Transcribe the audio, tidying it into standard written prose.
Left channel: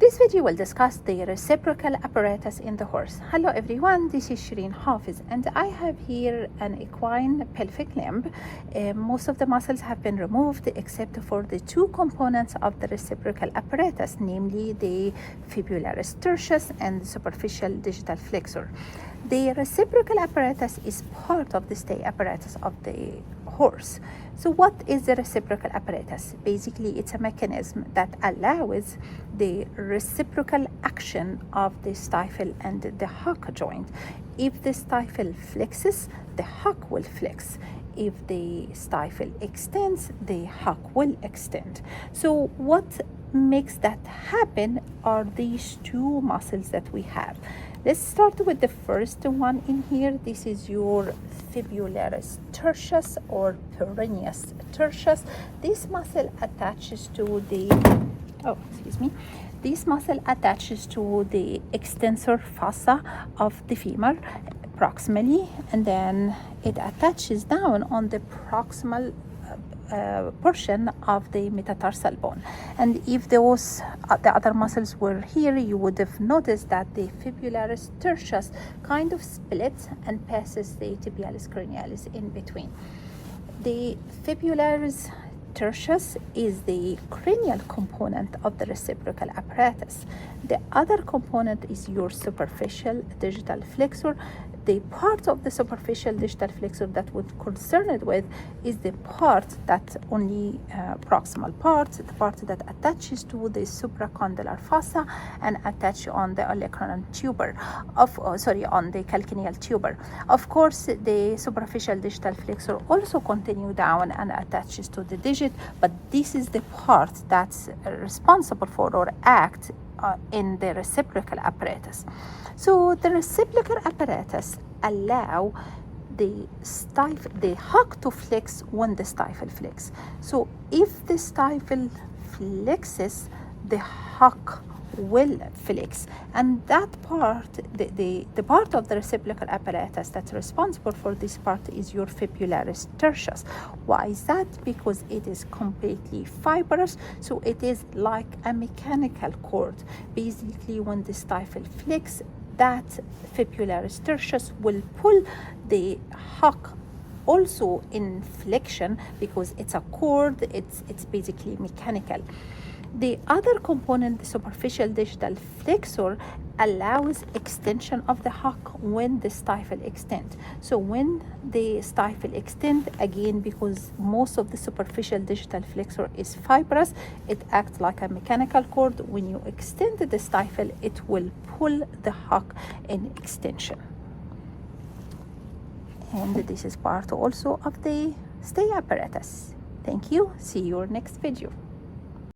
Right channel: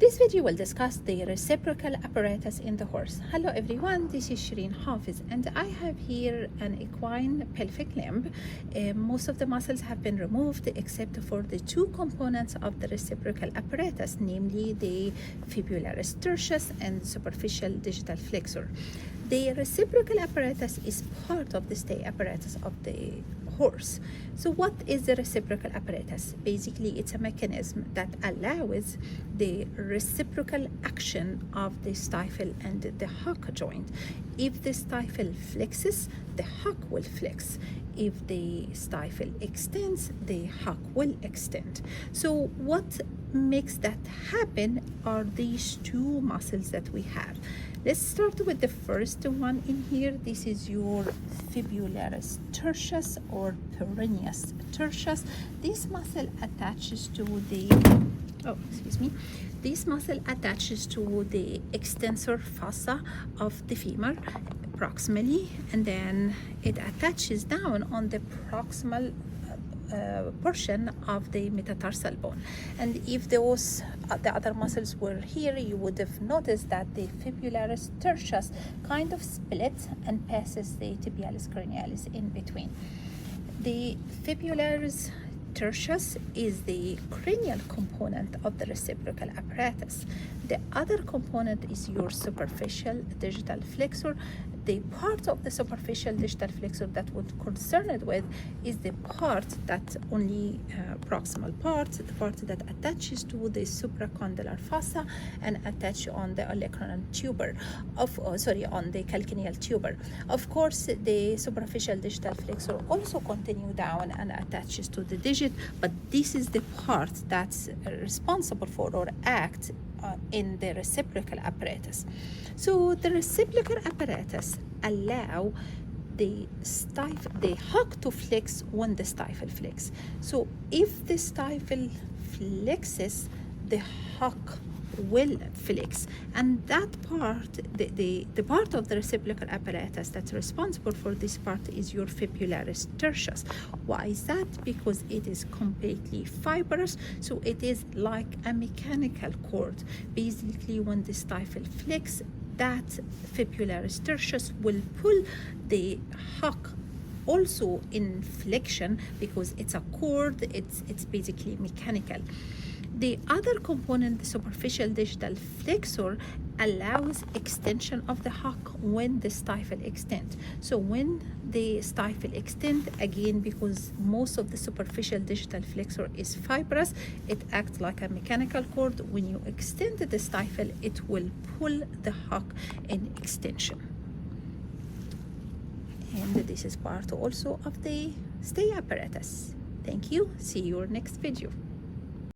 This video will discuss the reciprocal apparatus in the horse. Hello everyone, this is Shireen Hafiz and I have here an equine pelvic limb. Most of the muscles have been removed except for the two components of the reciprocal apparatus, namely the fibularis tertius and the superficial digital flexor. The reciprocal apparatus is part of the stay apparatus of the horse. So what is the reciprocal apparatus? Basically, it's a mechanism that allows the reciprocal action of the stifle and the hock joint. If the stifle flexes, the hock will flex. If the stifle extends, the hock will extend. So what makes that happen are these two muscles that we have. Let's start with the first one in here. This is your fibularis tertius or peroneus tertius. This muscle attaches to the this muscle attaches to the extensor fossa of the femur proximally, and then it attaches down on the proximal portion of the metatarsal bone. And if those the other muscles were here, you would have noticed that the fibularis tertius kind of splits and passes the tibialis cranialis in between. The fibularis tertius is the cranial component of the reciprocal apparatus. The other component is your superficial digital flexor. The part of the superficial digital flexor that we're concerned with is the part that only proximal part, the part that attaches to the supracondylar fossa and attach on the olecranon tuber on the calcaneal tuber. Of course, the superficial digital flexor also continue down and attaches to the digit, but this is the part that's responsible for or act in the reciprocal apparatus. So the reciprocal apparatus allow the hock to flex when the stifle flex. So if the stifle flexes, the hock will flex, and that part, the part of the reciprocal apparatus that's responsible for this part is your fibularis tertius. Why is that? Because it is completely fibrous, so it is like a mechanical cord. Basically, when the stifle flex, that fibularis tertius will pull the hock also in flexion because it's a cord, it's basically mechanical. The other component, the superficial digital flexor, allows extension of the hock when the stifle extends. So when the stifle extends, again, because most of the superficial digital flexor is fibrous, it acts like a mechanical cord. When you extend the stifle, it will pull the hock in extension. And this is part also of the stay apparatus. Thank you. See you next video.